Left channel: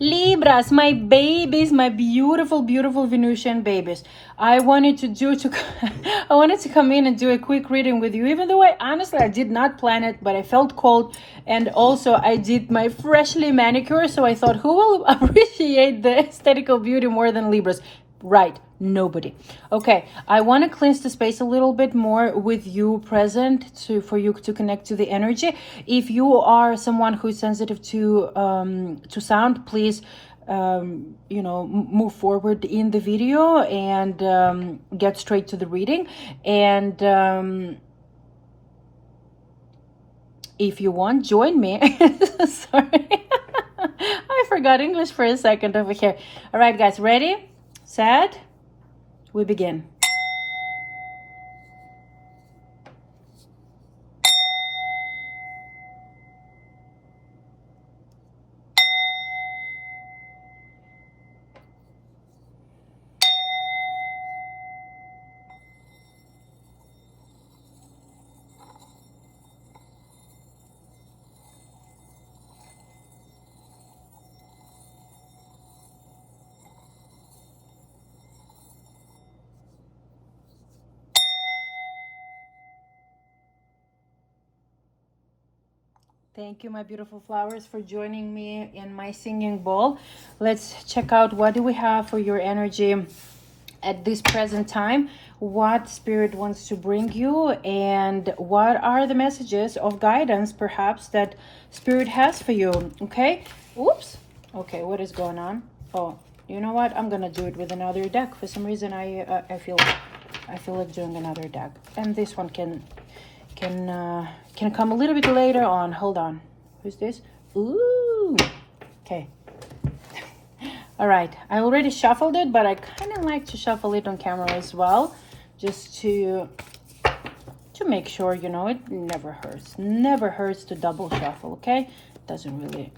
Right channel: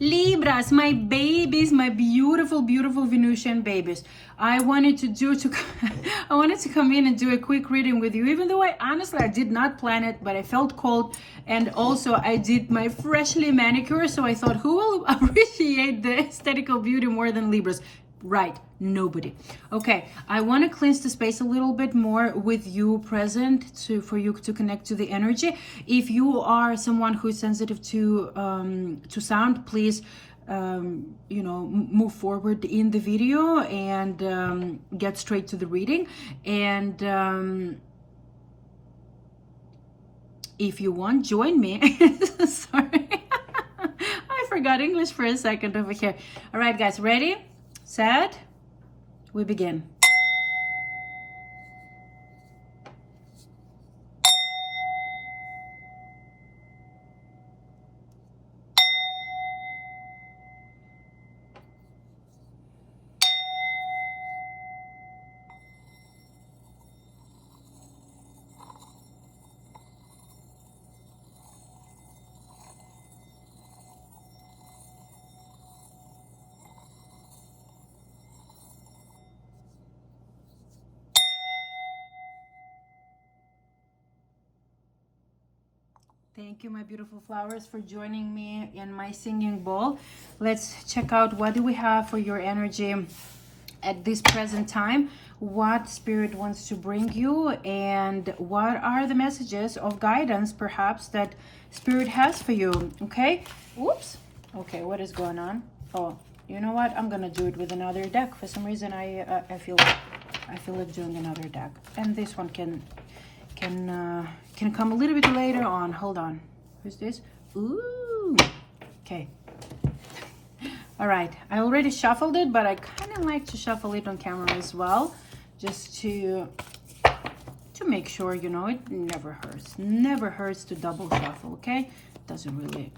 Libras, my babies, my beautiful, beautiful Venusian babies. I wanted to come in and do a quick reading with you, even though I did not plan it, but I felt cold, and also I did my freshly manicure, so I thought, who will appreciate the aesthetical beauty more than Libras? Right, nobody. Okay, I want to cleanse the space a little bit more with you present for you to connect to the energy. If you are someone who's sensitive to sound, please move forward in the video and get straight to the reading. And if you want, join me. Sorry. I forgot English for a second over here. All right, guys, ready? Set, we begin. Thank you, my beautiful flowers, for joining me in my singing bowl. Let's check out what do we have for your energy at this present time, what spirit wants to bring you, and what are the messages of guidance perhaps that spirit has for you. Okay, oops, okay, what is going on? Oh, you know what, I'm gonna do it with another deck. For some reason I feel like doing another deck, and this one can come a little bit later on. Hold on, who's this? Ooh, okay. All right, I already shuffled it, but I kind of like to shuffle it on camera as well, just to make sure, you know, it never hurts to double shuffle. Okay, doesn't really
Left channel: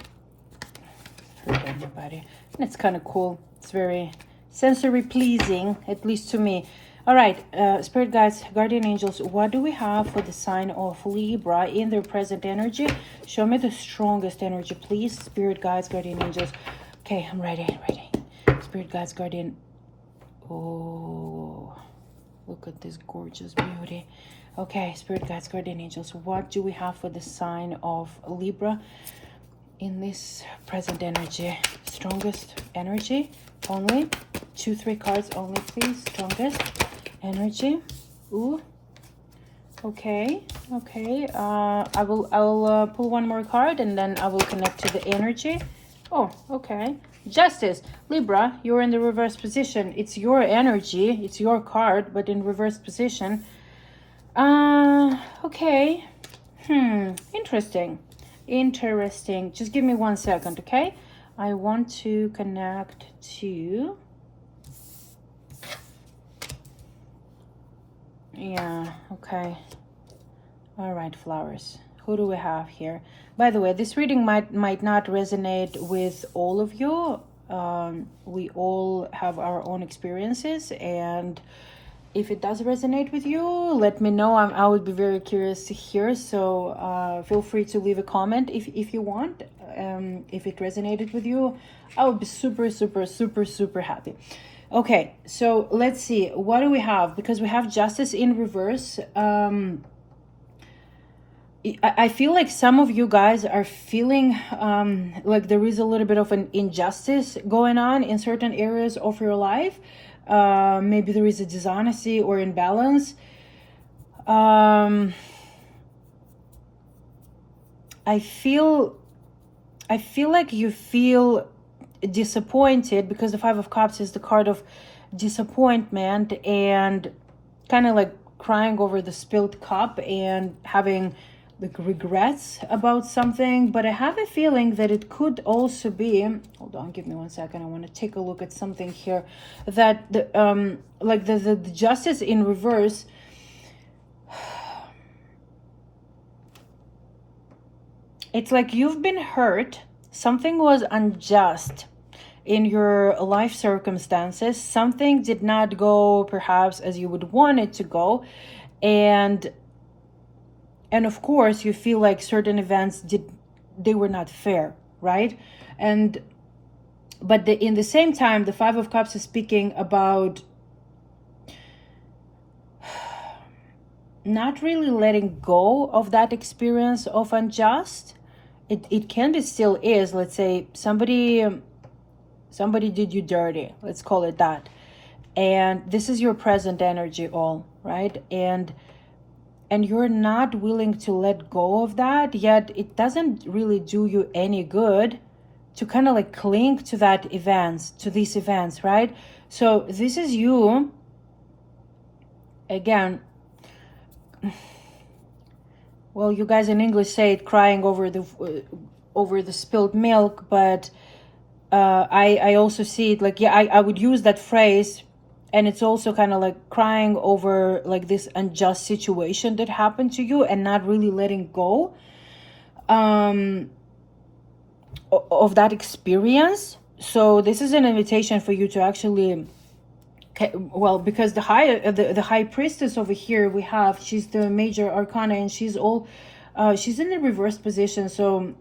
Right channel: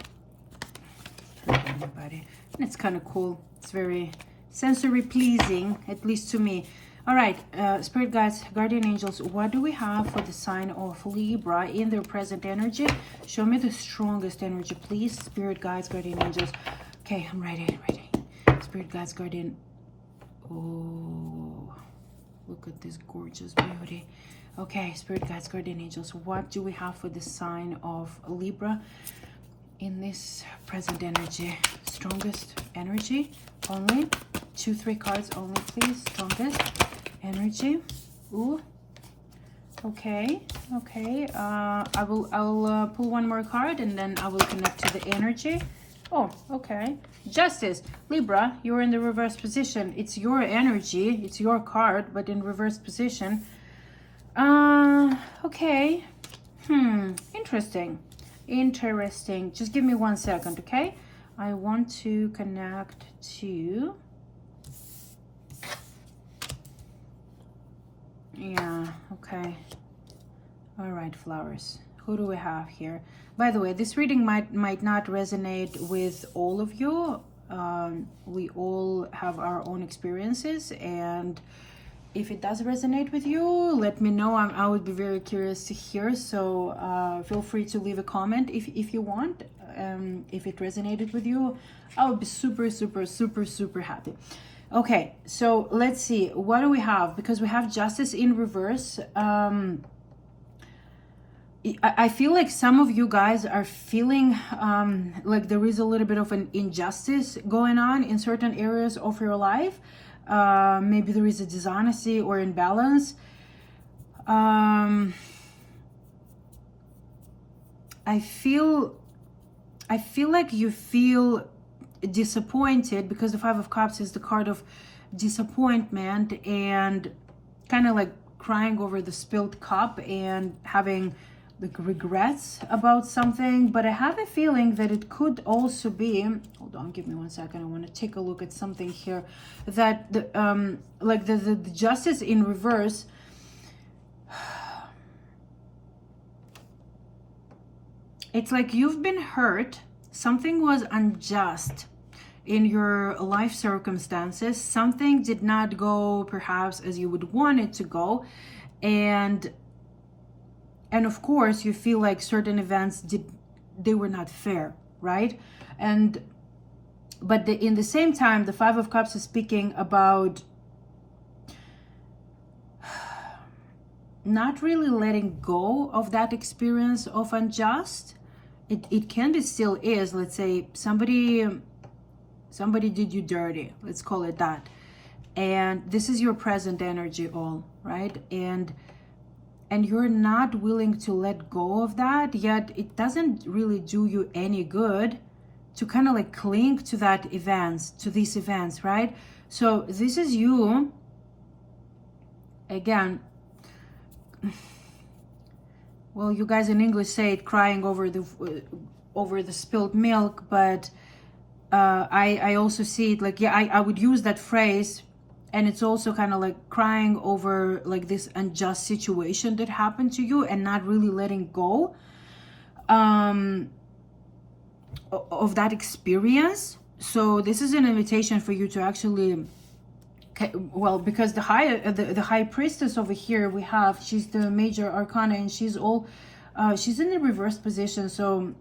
hurt anybody, and it's kind of cool. It's very sensory pleasing, at least to me. All right, spirit guides, guardian angels, what do we have for the sign of Libra in their present energy? Show me the strongest energy, please, spirit guides, guardian angels. Okay, I'm ready. Spirit guides, guardian. Oh, look at this gorgeous beauty. Okay, spirit guides, guardian angels, what do we have for the sign of Libra in this present energy? Strongest energy only. 2-3 cards only, please. Strongest energy. Ooh, okay. I will pull one more card, and then I will connect to the energy. Oh, okay. Justice. Libra, you're in the reverse position. It's your energy, it's your card, but in reverse position. Okay. Interesting. Just give me 1 second, okay? I want to connect to... Yeah, okay. All right, flowers. Who do we have here? By the way, this reading might not resonate with all of you. We all have our own experiences, and if it does resonate with you, let me know. I would be very curious to hear, so feel free to leave a comment if you want. If it resonated with you, I would be super happy. Okay, so let's see, what do we have? Because we have justice in reverse. I feel like some of you guys are feeling like there is a little bit of an injustice going on in certain areas of your life. Maybe there is a dishonesty or imbalance. I feel like you feel disappointed, because the Five of Cups is the card of disappointment and kind of like crying over the spilled cup and having like regrets about something. But I have a feeling that it could also be, hold on, give me 1 second, I want to take a look at something here, that the justice in reverse, it's like you've been hurt, something was unjust in your life circumstances, something did not go perhaps as you would want it to go, and of course you feel like certain events they were not fair, right? And But in the same time, the Five of Cups is speaking about not really letting go of that experience of unjust. It can be, still is, let's say somebody did you dirty, let's call it that, and this is your present energy, all right, and you're not willing to let go of that, yet it doesn't really do you any good to kind of like cling to these events, right? So this is you again. Well, you guys in English say it, crying over the spilled milk, but I also see it like, yeah, I would use that phrase, and it's also kind of like crying over like this unjust situation that happened to you and not really letting go of that experience. So this is an invitation for you to actually, well, because the high priestess over here we have, she's the major arcana, and she's in the reverse position. So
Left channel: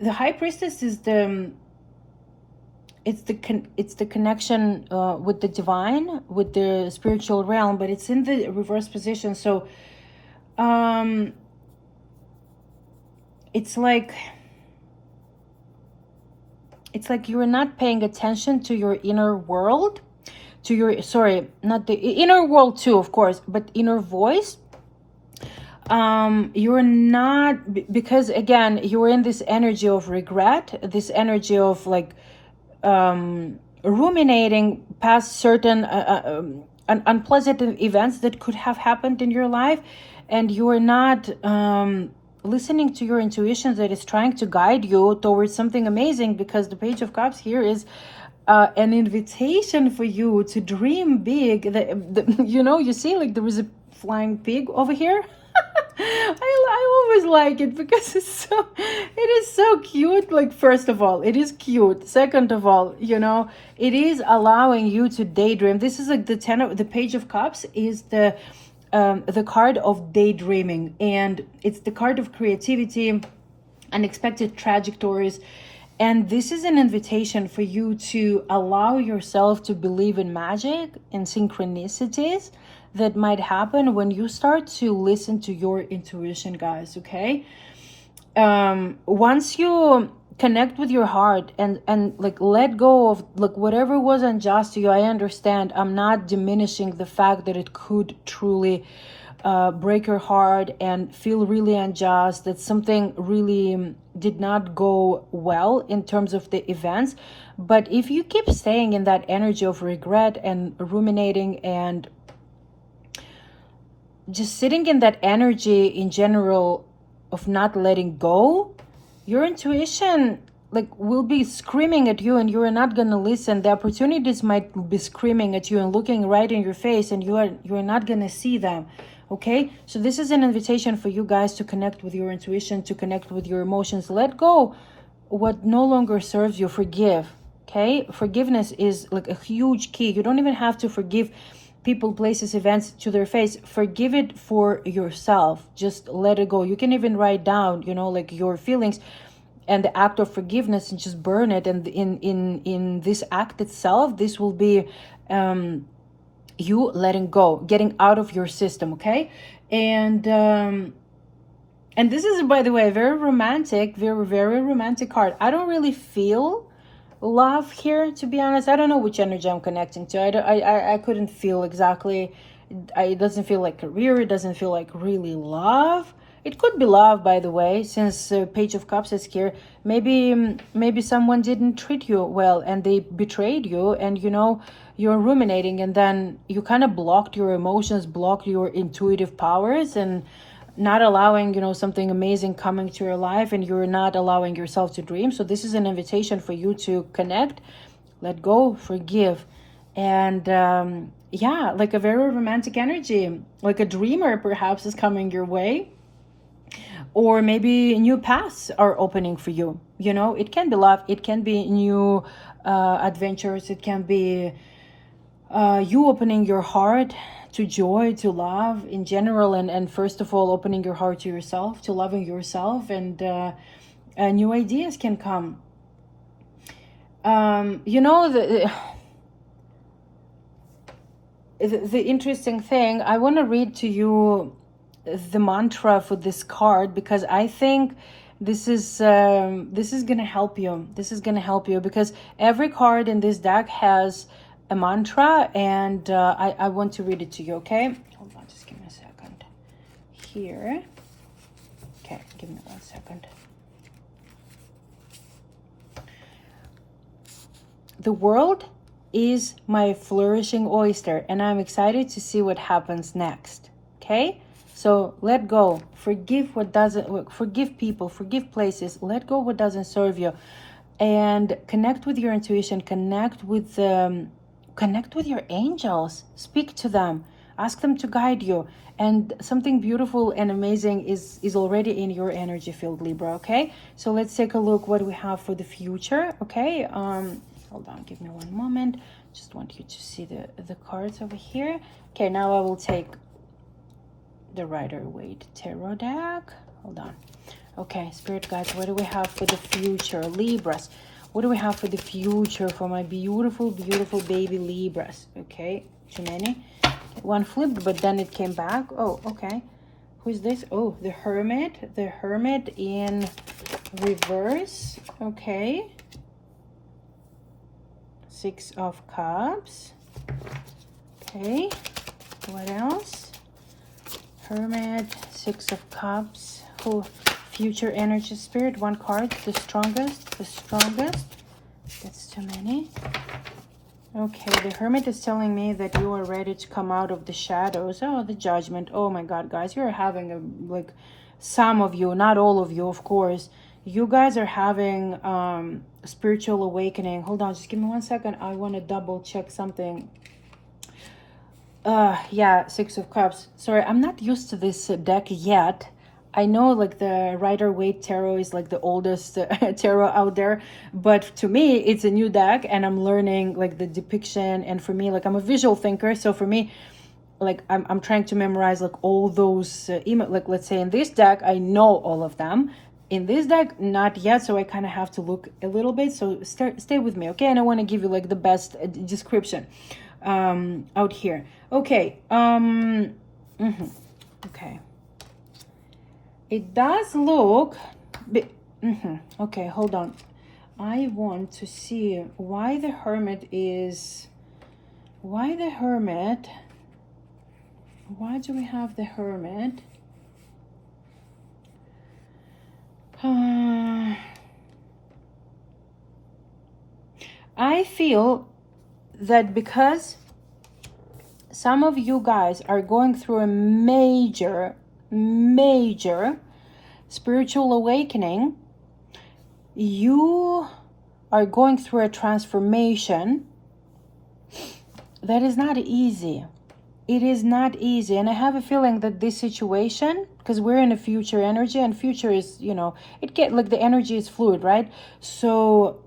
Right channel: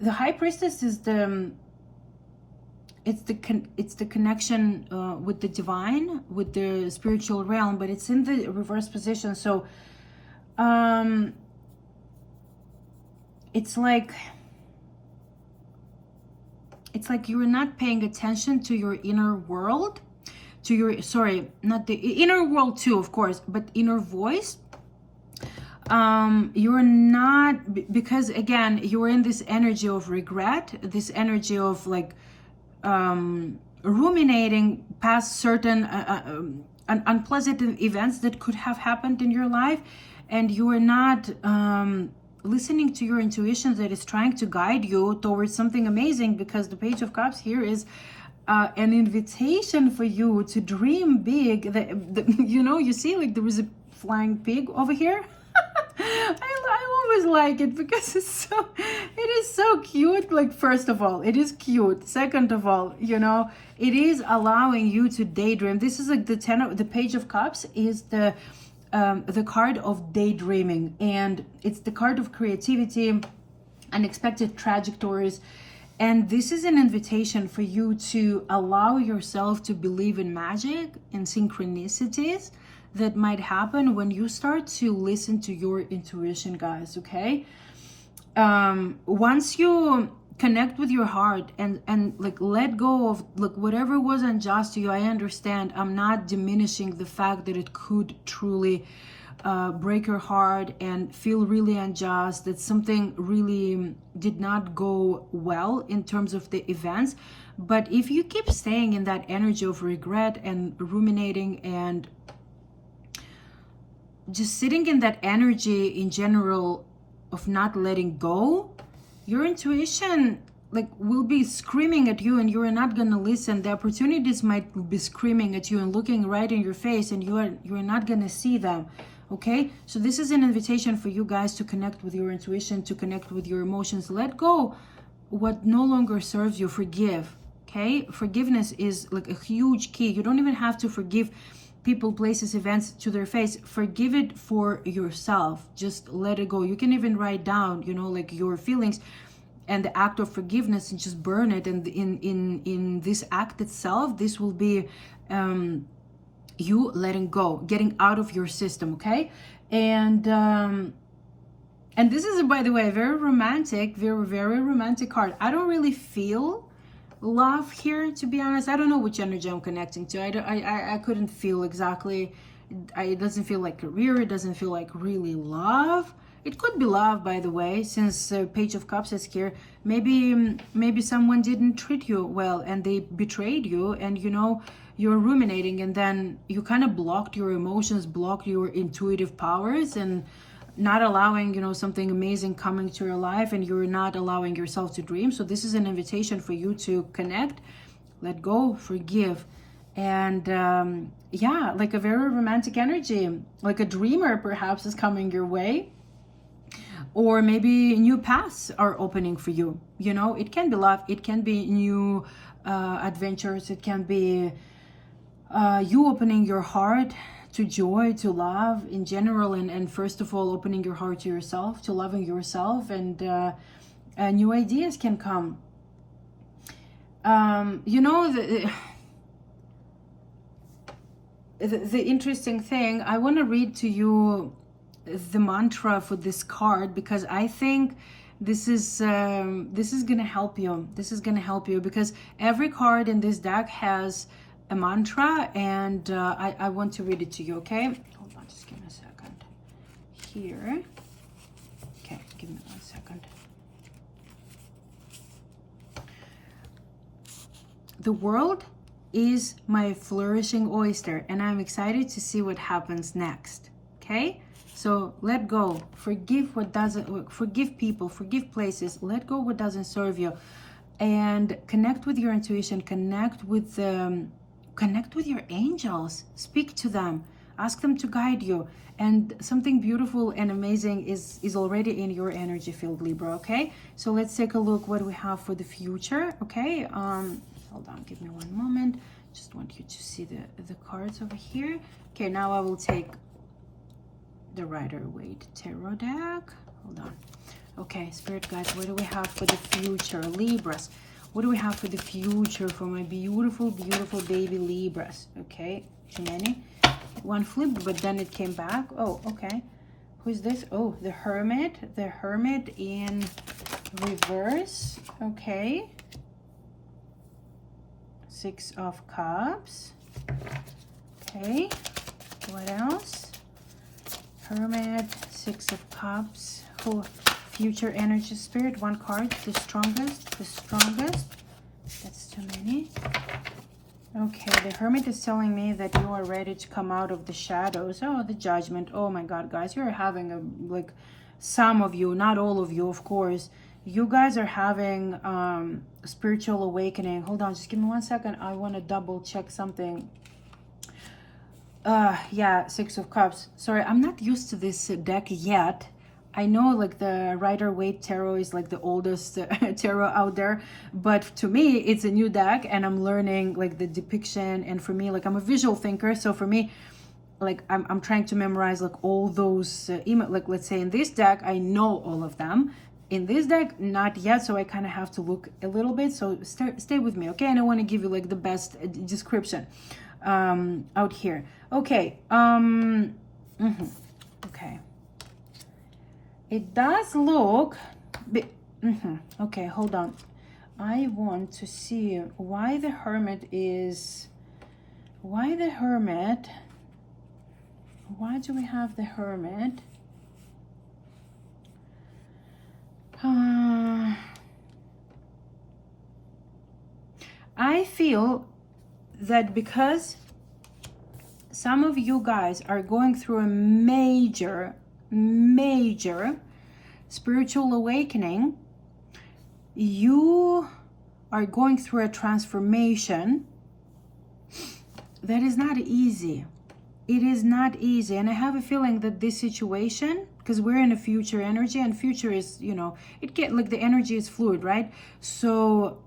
the high priestess is it's the connection with the divine, with the spiritual realm, but it's in the reverse position. So it's like you're not paying attention to your inner world, to your, sorry, not the inner world too, of course, but inner voice. You're not, because again, you're in this energy of regret, this energy of like ruminating past certain unpleasant events that could have happened in your life, and you're not listening to your intuition that is trying to guide you towards something amazing, because the Page of Cups here is an invitation for you to dream big. You know, you see, like there is a flying pig over here. I always like it because it is so cute. Like, first of all, it is cute. Second of all, you know, it is allowing you to daydream. This is like the Page of Cups is the card of daydreaming, and it's the card of creativity, unexpected trajectories. And this is an invitation for you to allow yourself to believe in magic and synchronicities that might happen when you start to listen to your intuition, guys, okay? Once you connect with your heart and like let go of like whatever was unjust to you, I understand. I'm not diminishing the fact that it could truly break your heart and feel really unjust, that something really did not go well in terms of the events. But if you keep staying in that energy of regret and ruminating and just sitting in that energy in general of not letting go, your intuition like will be screaming at you and you are not going to listen. The opportunities might be screaming at you and looking right in your face, and you are not going to see them. Okay, so this is an invitation for you guys to connect with your intuition, to connect with your emotions. Let go what no longer serves you. Forgive. Okay, forgiveness is like a huge key. You don't even have to forgive people, places, events to their face. Forgive it for yourself. Just let it go. You can even write down, you know, like your feelings and the act of forgiveness and just burn it. And in this act itself, this will be you letting go, getting out of your system. Okay, and this is, by the way, a very romantic, very romantic card. I don't really feel love here, to be honest. I don't know which energy I'm connecting to. I couldn't feel exactly. It doesn't feel like career. It doesn't feel like really love. It could be love, by the way, since Page of Cups is here. Maybe someone didn't treat you well and they betrayed you, and you know you're ruminating, and then you kind of blocked your emotions, blocked your intuitive powers, and not allowing, you know, something amazing coming to your life, and you're not allowing yourself to dream. So this is an invitation for you to connect, let go, forgive, and yeah, like a very romantic energy, like a dreamer perhaps is coming your way, or maybe new paths are opening for you. You know, it can be love, it can be new adventures, it can be you opening your heart to joy, to love in general, and first of all opening your heart to yourself, to loving yourself, and new ideas can come. You know, the interesting thing, I want to read to you the mantra for this card, because I think this is gonna help you. This is gonna help you because every card in this deck has a mantra, and I want to read it to you. Okay, hold on, just give me a second here. Okay, give me 1 second. The world is my flourishing oyster, and I'm excited to see what happens next. Okay, so let go, forgive what doesn't, forgive people, forgive places, let go what doesn't serve you, and connect with your intuition, connect with your angels, speak to them, ask them to guide you, and something beautiful and amazing is already in your energy field, Libra. Okay, so let's take a look what we have for the future. Okay, hold on, give me 1 moment. Just want you to see the cards over here. Okay, now I will take the Rider-Waite Tarot deck. Hold on. Okay, Spirit guides, what do we have for the future, Libras? What do we have for the future for my beautiful, beautiful baby Libras? Okay, too many. One flipped, but then it came back. Oh, okay. Who's this? Oh, the Hermit. The Hermit in reverse. Okay. 6 of Cups. Okay. What else? Hermit, 6 of Cups. Who? Future energy, Spirit. 1 card. The strongest. The strongest. That's too many. Okay, the Hermit is telling me that you are ready to come out of the shadows. Oh, the Judgment. Oh my God, guys, you're having like some of you, not all of you, of course. You guys are having spiritual awakening. Hold on, just give me 1 second. I want to double check something. Yeah, 6 of Cups. Sorry, I'm not used to this deck yet. I know like the Rider-Waite Tarot is like the oldest tarot out there, but to me it's a new deck, and I'm learning like the depiction. And for me, like, I'm a visual thinker, so for me, like, I'm trying to memorize like all those like, let's say in this deck I know all of them. In this deck, not yet, so I kind of have to look a little bit. So stay with me, okay? And I want to give you like the best description out here. Okay. Okay. It does look, but okay, hold on. I want to see why the Hermit is, why do we have the Hermit? I feel that because some of you guys are going through a major spiritual awakening, you are going through a transformation that is not easy. It is not easy. And I have a feeling that this situation, because we're in a future energy, and future is, you know, it get like the energy is fluid, right? So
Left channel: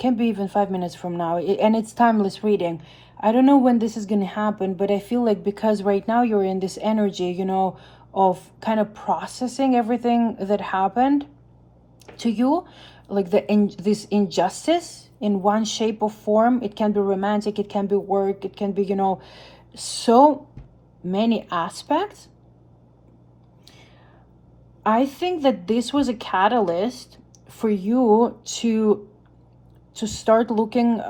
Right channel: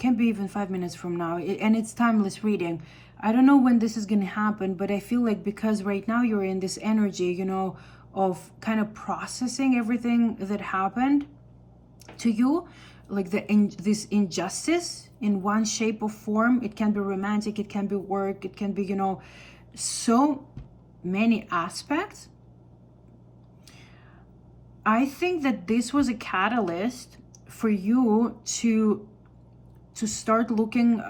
can be even 5 minutes from now, and it's timeless reading. I don't know when this is going to happen, but I feel like because right now you're in this energy, you know, of kind of processing everything that happened to you, like this injustice in one shape or form. It can be romantic, it can be work, it can be, you know, so many aspects. I think that this was a catalyst for you to start looking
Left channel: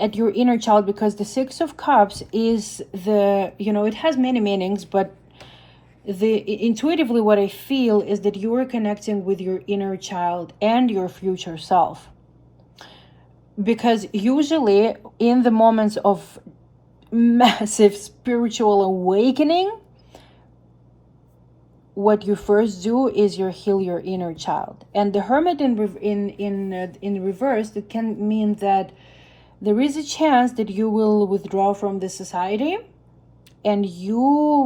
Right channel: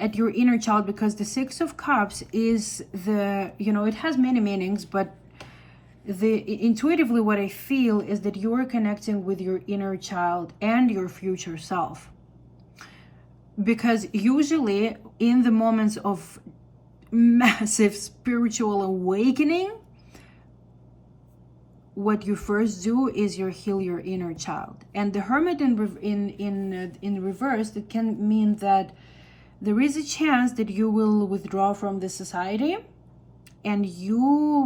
at your inner child, because the 6 of Cups is the, you know, it has many meanings, but intuitively what I feel is that you are connecting with your inner child and your future self. Because usually in the moments of massive spiritual awakening, what you first do is you heal your inner child. And the Hermit in reverse, it can mean that there is a chance that you will withdraw from the society, and you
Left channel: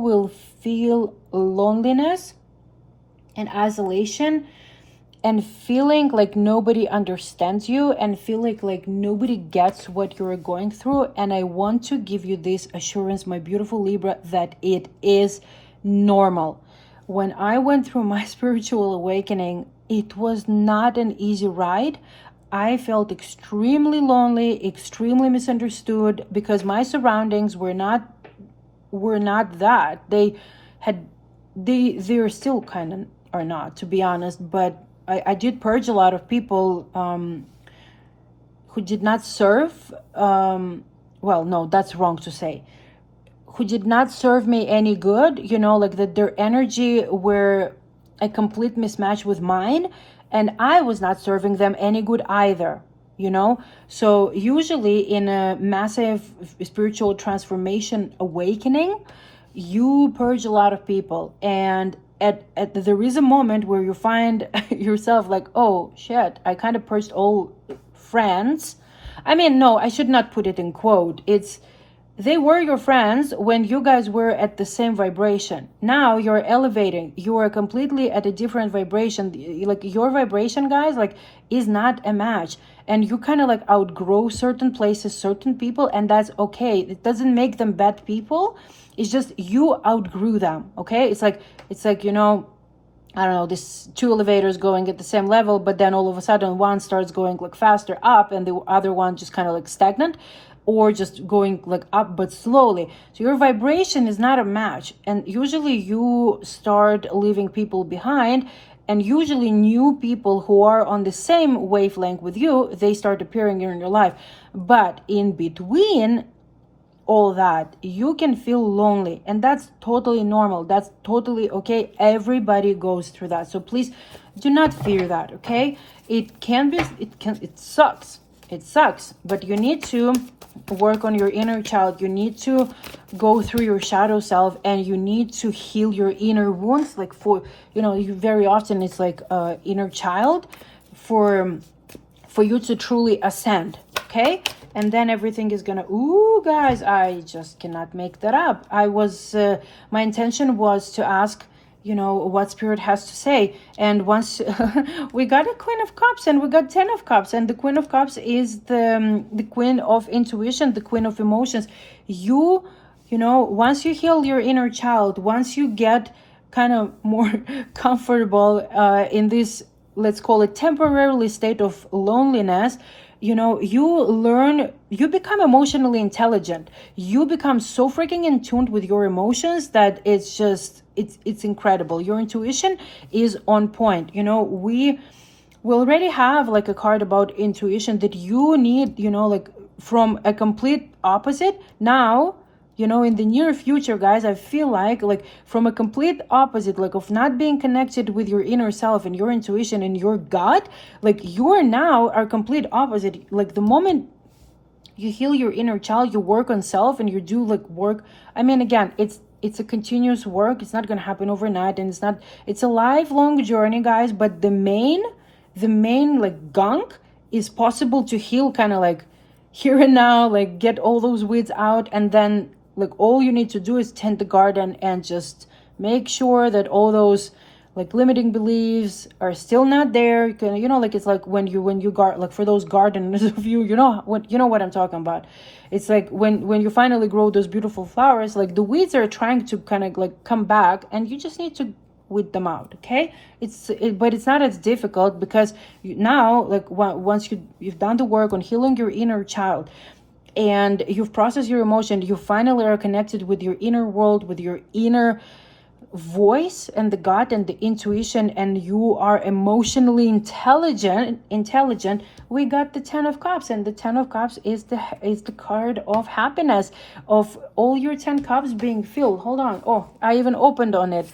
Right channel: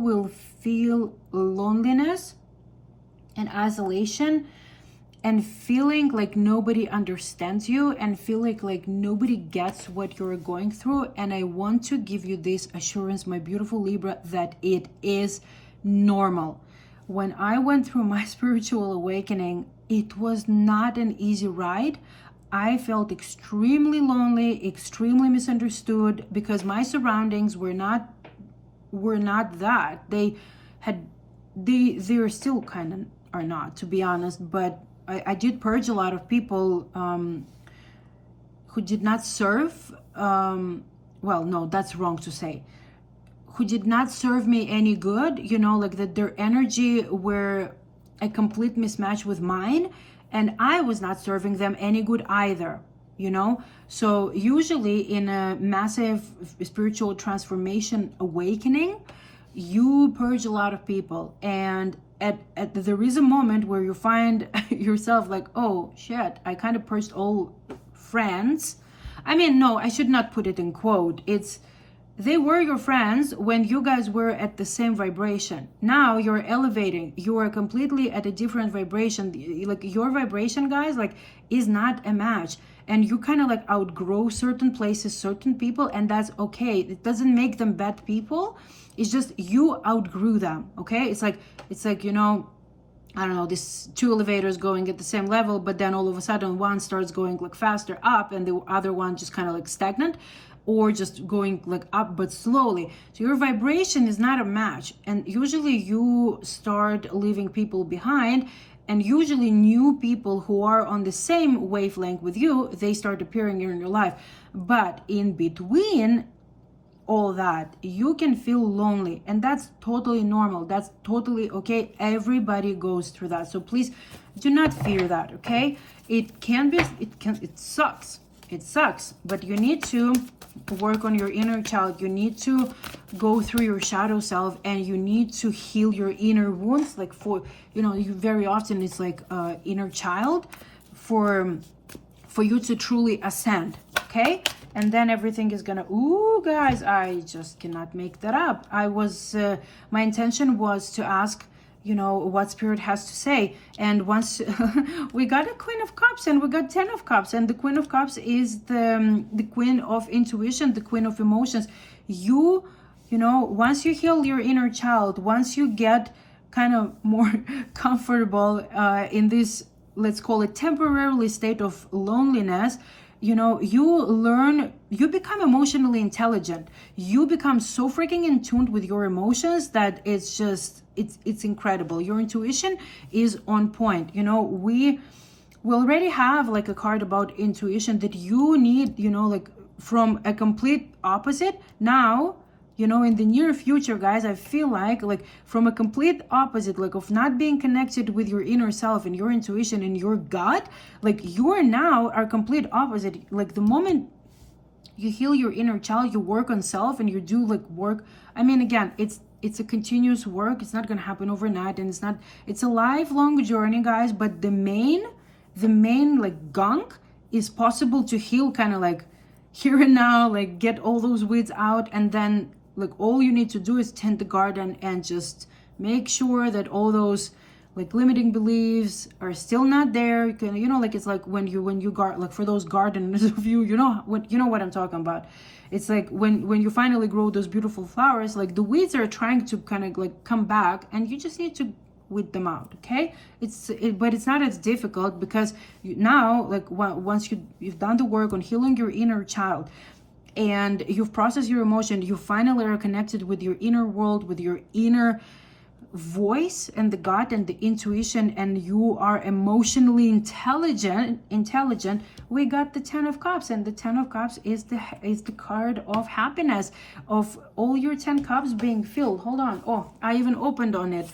will feel loneliness and isolation, and feeling like nobody understands you, and feeling like nobody gets what you're going through. And I want to give you this assurance, my beautiful Libra, that it is normal. When I went through my spiritual awakening, it was not an easy ride. I felt extremely lonely, extremely misunderstood, because my surroundings were not that. They're still kind of are not, to be honest, but I did purge a lot of people who did not serve, well, no, that's wrong to say, who did not serve me any good, like that their energy were a complete mismatch with mine, and I was not serving them any good either, So usually in a massive spiritual transformation awakening, you purge a lot of people, and there is a moment where you find yourself like, oh shit, I kind of purged all friends. I mean, no, I should not put it in quote. They were your friends when you guys were at the same vibration. Now you're elevating. You are completely at a different vibration. Like your vibration, guys, like is not a match. And you kind of like outgrow certain places, certain people, and that's okay. It doesn't make them bad people. It's just you outgrew them, okay? It's like, I don't know, this two elevators going at the same level, but then all of a sudden one starts going like faster up and the other one just kind of like stagnant, or just going like up but slowly. So your vibration is not a match, and usually you start leaving people behind, and usually new people who are on the same wavelength with you, they start appearing in your life. But in between all that, you can feel lonely, and that's totally normal. That's totally okay. Everybody goes through that, so please do not fear that, okay? It sucks, but you need to work on your inner child. You need to go through your shadow self, and you need to heal your inner wounds. Like you very often it's like inner child for you to truly ascend, okay? And then everything is gonna, ooh, guys, I just cannot make that up. My intention was to ask, what Spirit has to say. And once we got a Queen of Cups and we got 10 of Cups, and the Queen of Cups is the Queen of intuition, the Queen of emotions. Once you heal your inner child, once you get kind of more comfortable in this, let's call it temporarily state of loneliness, you become emotionally intelligent. You become so freaking in tune with your emotions that it's just, it's incredible. Your intuition is on point. We already have like a card about intuition that you need, like from a complete opposite. Now, in the near future, guys, I feel like from a complete opposite, like of not being connected with your inner self and your intuition and your gut, like you are now our complete opposite. Like the moment you heal your inner child, you work on self, and you do like work. I mean, again, it's a continuous work. It's not going to happen overnight, and it's a lifelong journey, guys. But the main like gunk is possible to heal kind of like here and now, like get all those weeds out, and then like all you need to do is tend the garden and just make sure that all those like limiting beliefs are still not there. You can, like it's like when you like for those gardeners of you, what I'm talking about. It's like when you finally grow those beautiful flowers, like the weeds are trying to kind of like come back, and you just need to weed them out, okay? But it's not as difficult, because now like once you've done the work on healing your inner child, and you've processed your emotion, you finally are connected with your inner world, with your inner voice and the gut and the intuition, and you are emotionally intelligent. We got the 10 of Cups, and the 10 of Cups is the card of happiness, of all your 10 cups being filled. Hold on. Oh, I even opened on it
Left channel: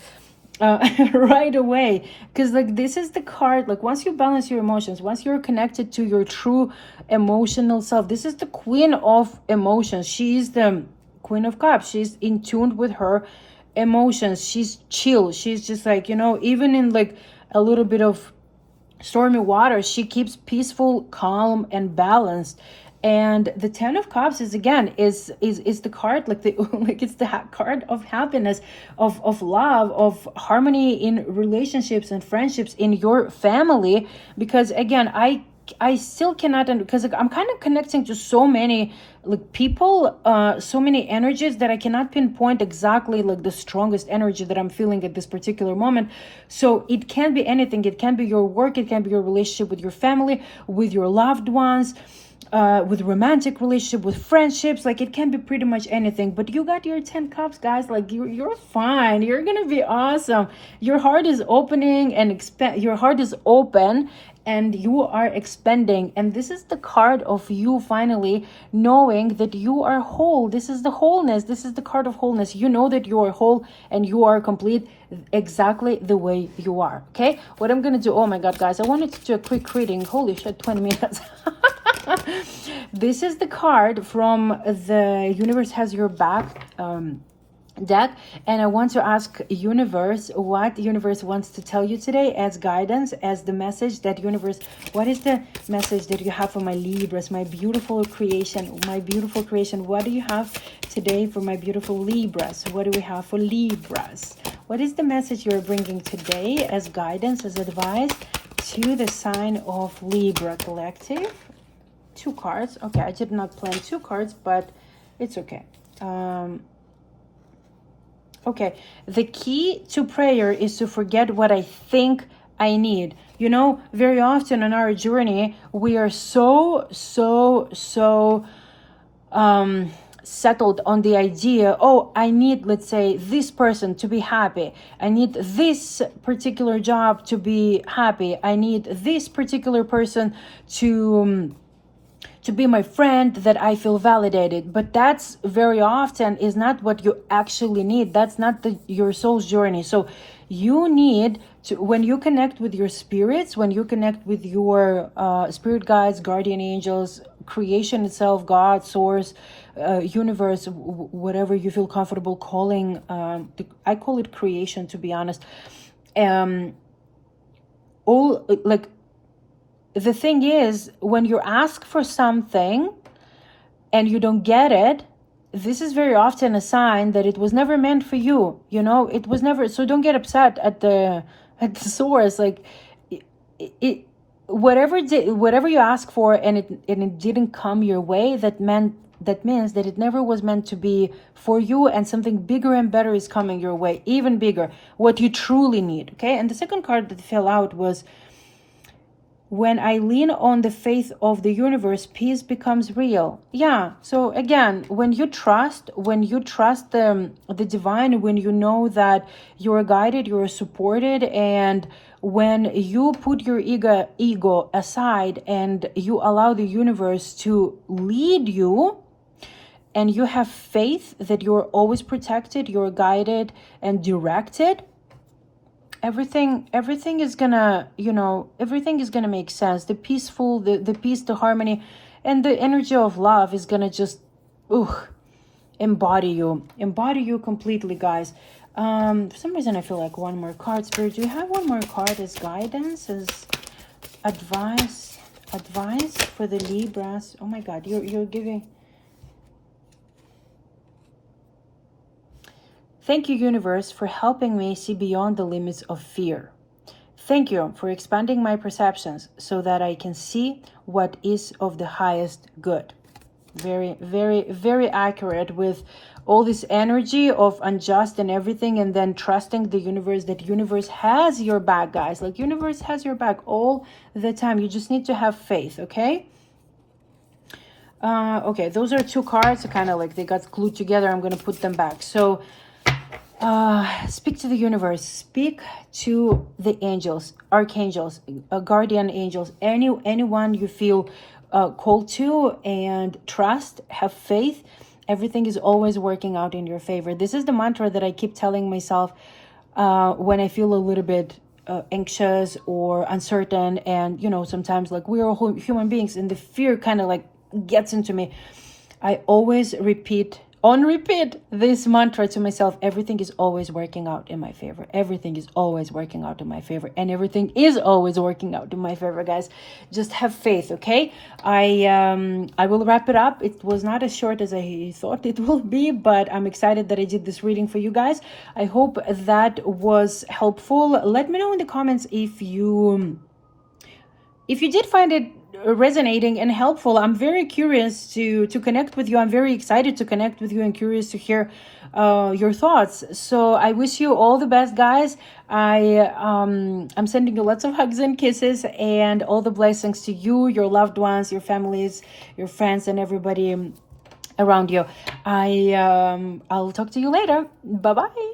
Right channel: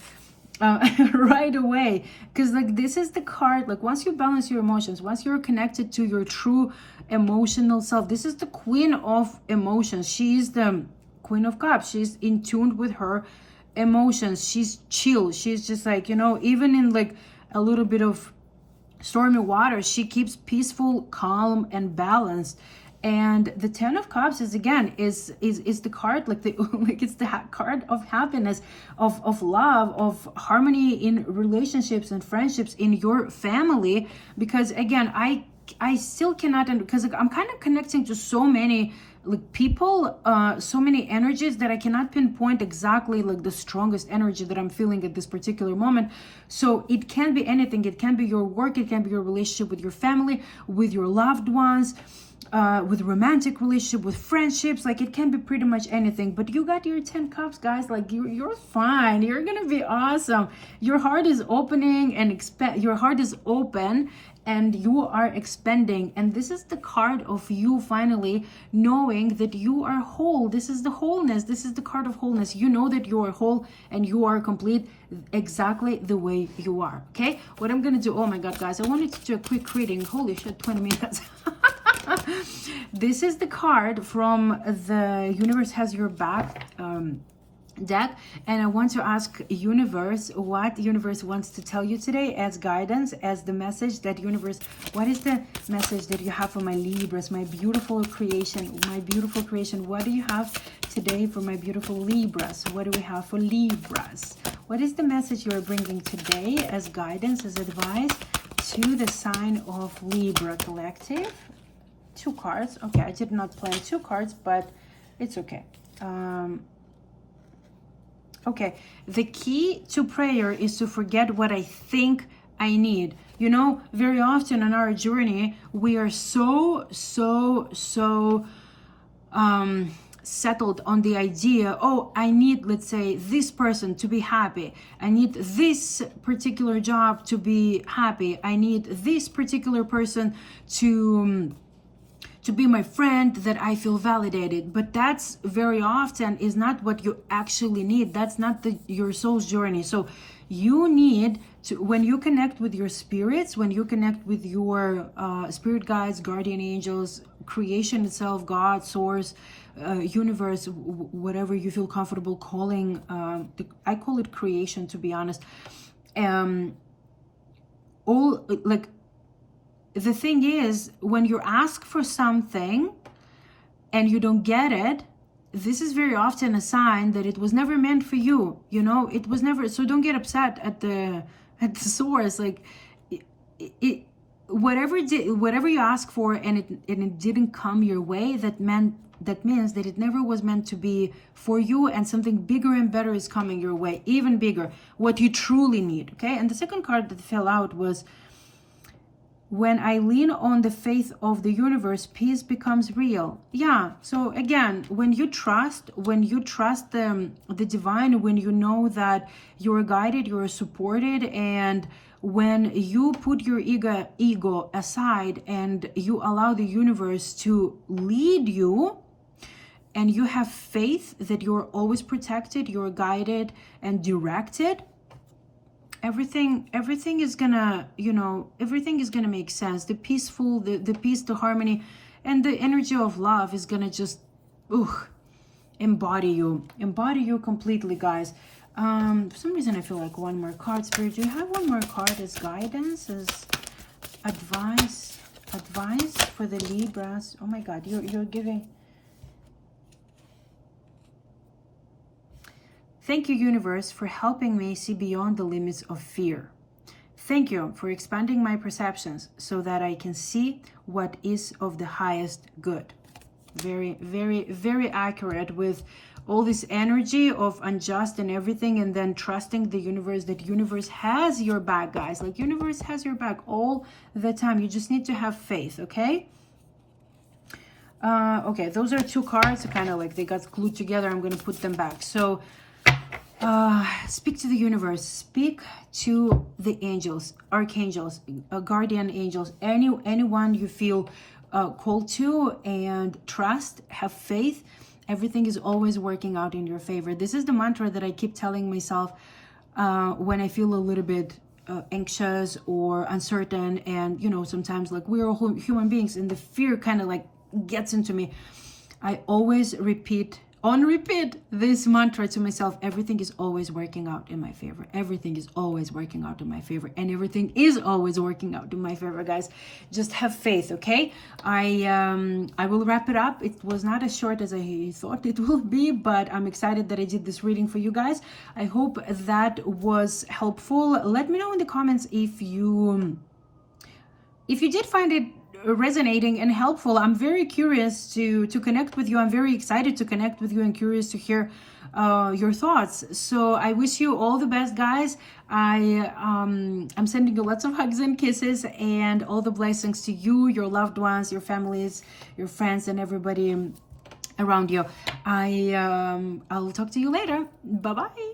right away, because like this is the card, like once you balance your emotions, once you're connected to your true emotional self, this is the Queen of emotions. She's the Queen of Cups. She's in tune with her emotions. She's chill. She's just like, even in like a little bit of stormy water, she keeps peaceful, calm, and balanced. And the 10 of Cups is again is the card like it's the card of happiness, of love, of harmony in relationships and friendships in your family. Because again, I I still cannot, because I'm kind of connecting to so many like people, so many energies that I cannot pinpoint exactly like the strongest energy that I'm feeling at this particular moment. So it can be anything. It can be your work, it can be your relationship with your family, with your loved ones, with romantic relationship, with friendships. Like it can be pretty much anything. But you got your 10 cups, guys. Like you're fine. You're gonna be awesome. Your heart is opening and expand. Your heart is open and you are expanding. And this is the card of you finally knowing that you are whole. This is the wholeness. This is the card of wholeness. You know that you are whole and you are complete exactly the way you are. Okay, what I'm gonna do, oh my god, guys, I wanted to do a quick reading. Holy shit, 20 minutes. This is the card from the Universe Has Your Back deck, and I want to ask universe what universe wants to tell you today as guidance, as the message that universe, what is the message that you have for my Libras, my beautiful creation, what do you have today for my beautiful Libras? What do we have for Libras? What is the message you're bringing today as guidance, as advice to the sign of Libra collective? 2 cards. Okay, I did not plan 2 cards, but it's okay. Okay, the key to prayer is to forget what I think I need. You know, very often on our journey, we are so settled on the idea, oh, I need, let's say, this person to be happy. I need this particular job to be happy. I need this particular person to be my friend, that I feel validated. But that's very often is not what you actually need. That's not your soul's journey. So you need to, when you connect with your spirits, when you connect with your spirit guides, guardian angels, creation itself, God, source, universe, whatever you feel comfortable calling, I call it creation, to be honest. All like, the thing is, when you ask for something and you don't get it, this is very often a sign that it was never meant for you. You know, it was never. So don't get upset at the source. Like whatever you ask for and it didn't come your way, that means that it never was meant to be for you, and something bigger and better is coming your way, even bigger, what you truly need. Okay, and the second card that fell out was, when I lean on the faith of the universe, peace becomes real. Yeah, so again, when you trust the divine, when you know that you're guided, you're supported, and when you put your ego aside and you allow the universe to lead you, and you have faith that you're always protected, you're guided and directed, everything is gonna, everything is gonna make sense. The peaceful, the peace, the harmony, and the energy of love is gonna just embody you completely, guys. For some reason I feel like one more card. Spirit, do you have one more card as guidance, as advice for the Libras? Oh my god, you're giving. Thank you, universe, for helping me see beyond the limits of fear. Thank you for expanding my perceptions so that I can see what is of the highest good. Very, very, very accurate with all this energy of unjust and everything, and then trusting the universe, that universe has your back, guys. Like universe has your back all the time. You just need to have faith, okay? Okay, those are 2 cards. Kind of like they got glued together. I'm going to put them back. So speak to the universe, speak to the angels, archangels, guardian angels, anyone you feel called to, and trust, have faith. Everything is always working out in your favor. This is the mantra that I keep telling myself when I feel a little bit anxious or uncertain, and sometimes, like, we're all human beings and the fear kind of like gets into me. I always repeat this mantra to myself: everything is always working out in my favor. Everything is always working out in my favor, and everything is always working out in my favor, guys. Just have faith, okay? I will wrap it up. It was not as short as I thought it will be, but I'm excited that I did this reading for you guys. I hope that was helpful. Let me know in the comments if you did find it resonating and helpful. I'm very curious to connect with you. I'm very excited to connect with you and curious to hear your thoughts. So I wish you all the best, guys. I'm sending you lots of hugs and kisses and all the blessings to you, your loved ones, your families, your friends, and everybody around you. I'll talk to you later. Bye bye.